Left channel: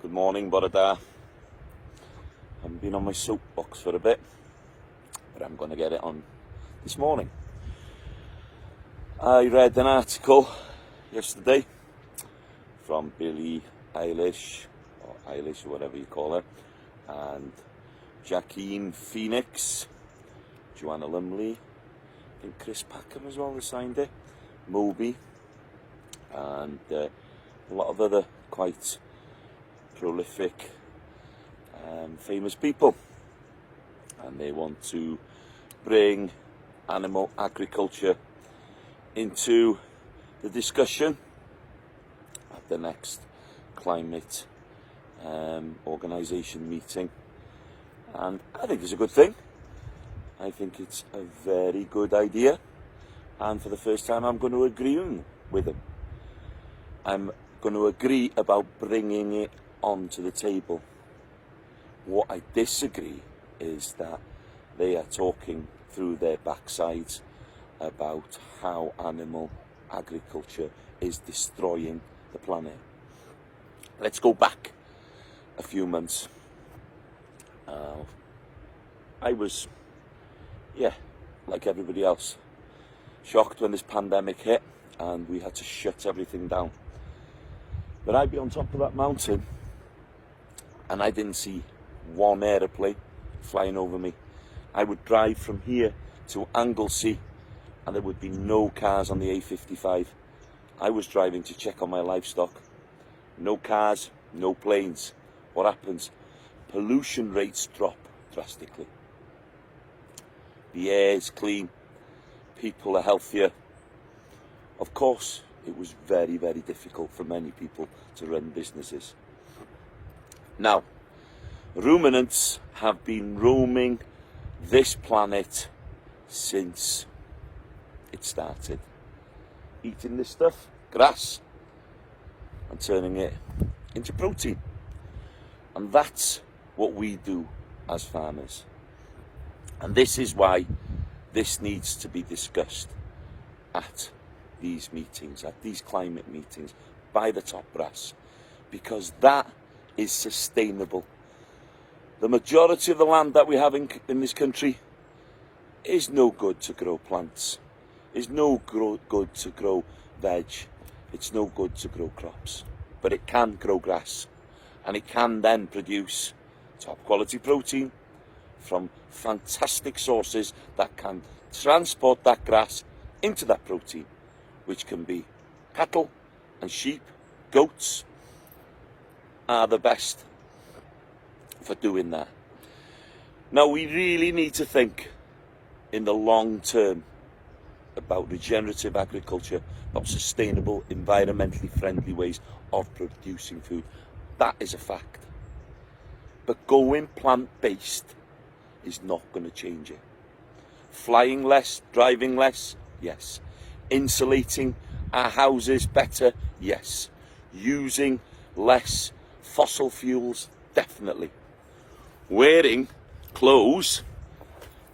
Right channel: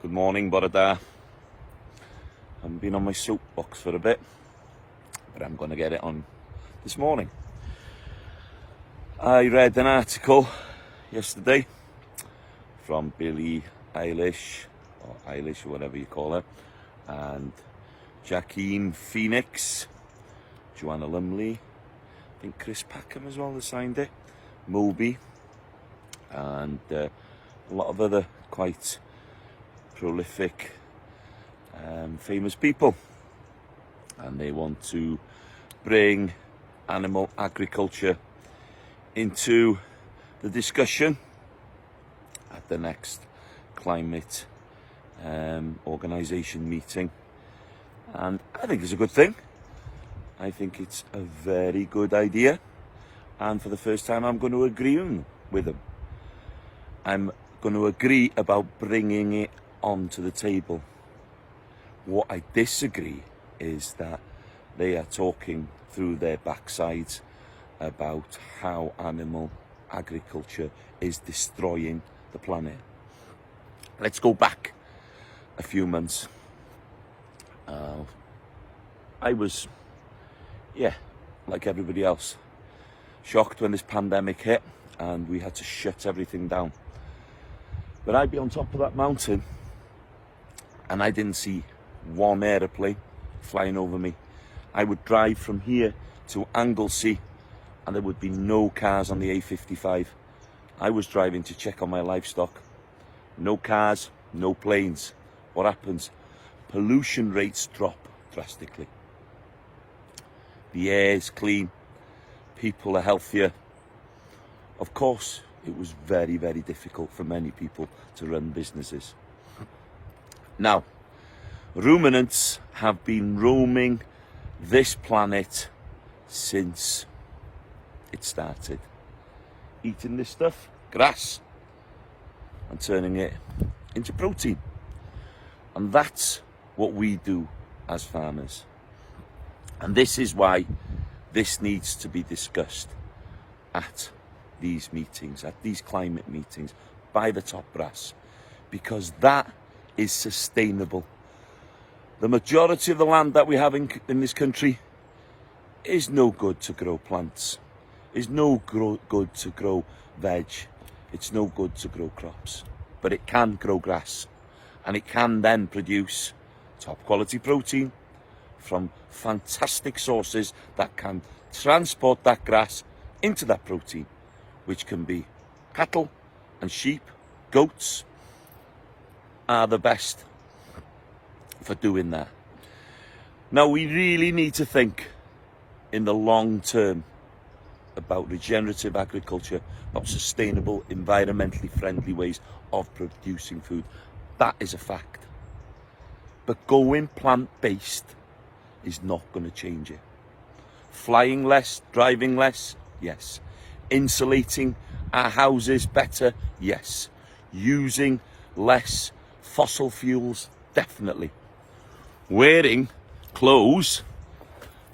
Good morning, bore da. I haven't been on my soapbox for a bit, but I'm going to get it on this morning. I read an article yesterday from Billie Eilish, or Eilish, or whatever you call her, and Joaquin Phoenix, Joanna Lumley, I think Chris Packham as well has signed it, Moby, and a lot of other quite prolific famous people, and they want to bring animal agriculture into the discussion at the next climate organisation meeting, and I think it's a good thing. I think it's a very good idea, and for the first time I'm going to agree with them. I'm going to agree about bringing it onto the table. What I disagree is that they are talking through their backsides about how animal agriculture is destroying the planet. Let's go back a few months. I was, like everybody else, shocked when this pandemic hit and we had to shut everything down. But I'd be on top of that mountain and I didn't see one aeroplane flying over me. I would drive from here to Anglesey and there would be no cars on the A55. I was driving to check on my livestock. No cars, no planes. What happens? Pollution rates drop drastically. The air is clean. People are healthier. Of course, it was very, very difficult for many people to run businesses. Now, ruminants have been roaming this planet since it started. Eating this stuff, grass, and turning it into protein. And that's what we do as farmers. And this is why this needs to be discussed at these meetings, at these climate meetings, by the top brass, because that is sustainable. The majority of the land that we have in this country is no good to grow plants, is no good to grow veg, it's no good to grow crops, but it can grow grass, and it can then produce top quality protein from fantastic sources that can transport that grass into that protein, which can be cattle and sheep. Goats are the best for doing that. Now, we really need to think in the long term about regenerative agriculture, about sustainable, environmentally friendly ways of producing food. That is a fact. But going plant-based is not going to change it. Flying less, driving less, yes. Insulating our houses better, yes. Using less fossil fuels, definitely. Wearing clothes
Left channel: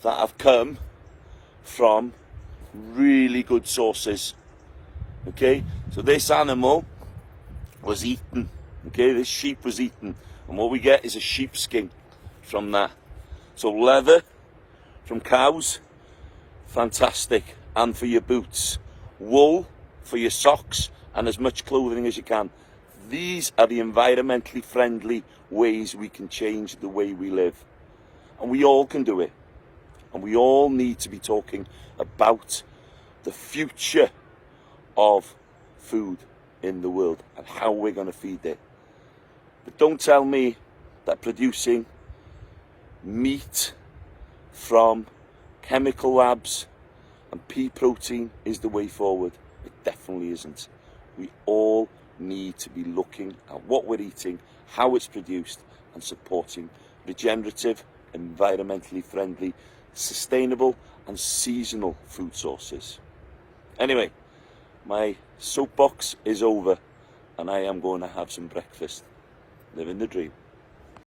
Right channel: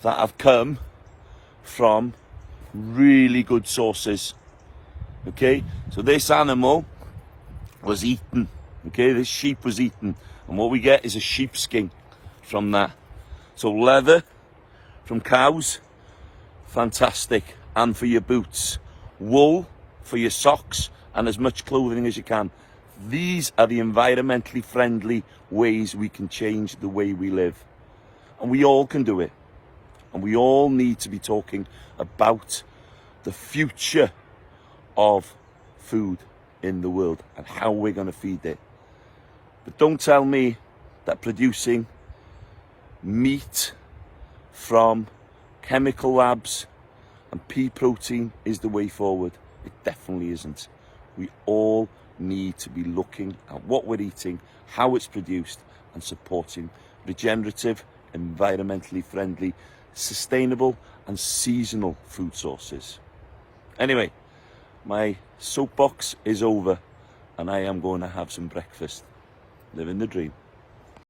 that have come from really good sources. Okay, so this animal was eaten. Okay, this sheep was eaten, and what we get is a sheepskin from that. So leather from cows, fantastic, and for your boots. Wool for your socks, and as much clothing as you can. These are the environmentally friendly ways we can change the way we live. And we all can do it. And we all need to be talking about the future of food in the world and how we're going to feed it. But don't tell me that producing meat from chemical labs and pea protein is the way forward. It definitely isn't. We all need to be looking at what we're eating, how it's produced, and supporting regenerative, environmentally friendly, sustainable and seasonal food sources. Anyway, my soapbox is over and I am going to have some breakfast. Living the dream.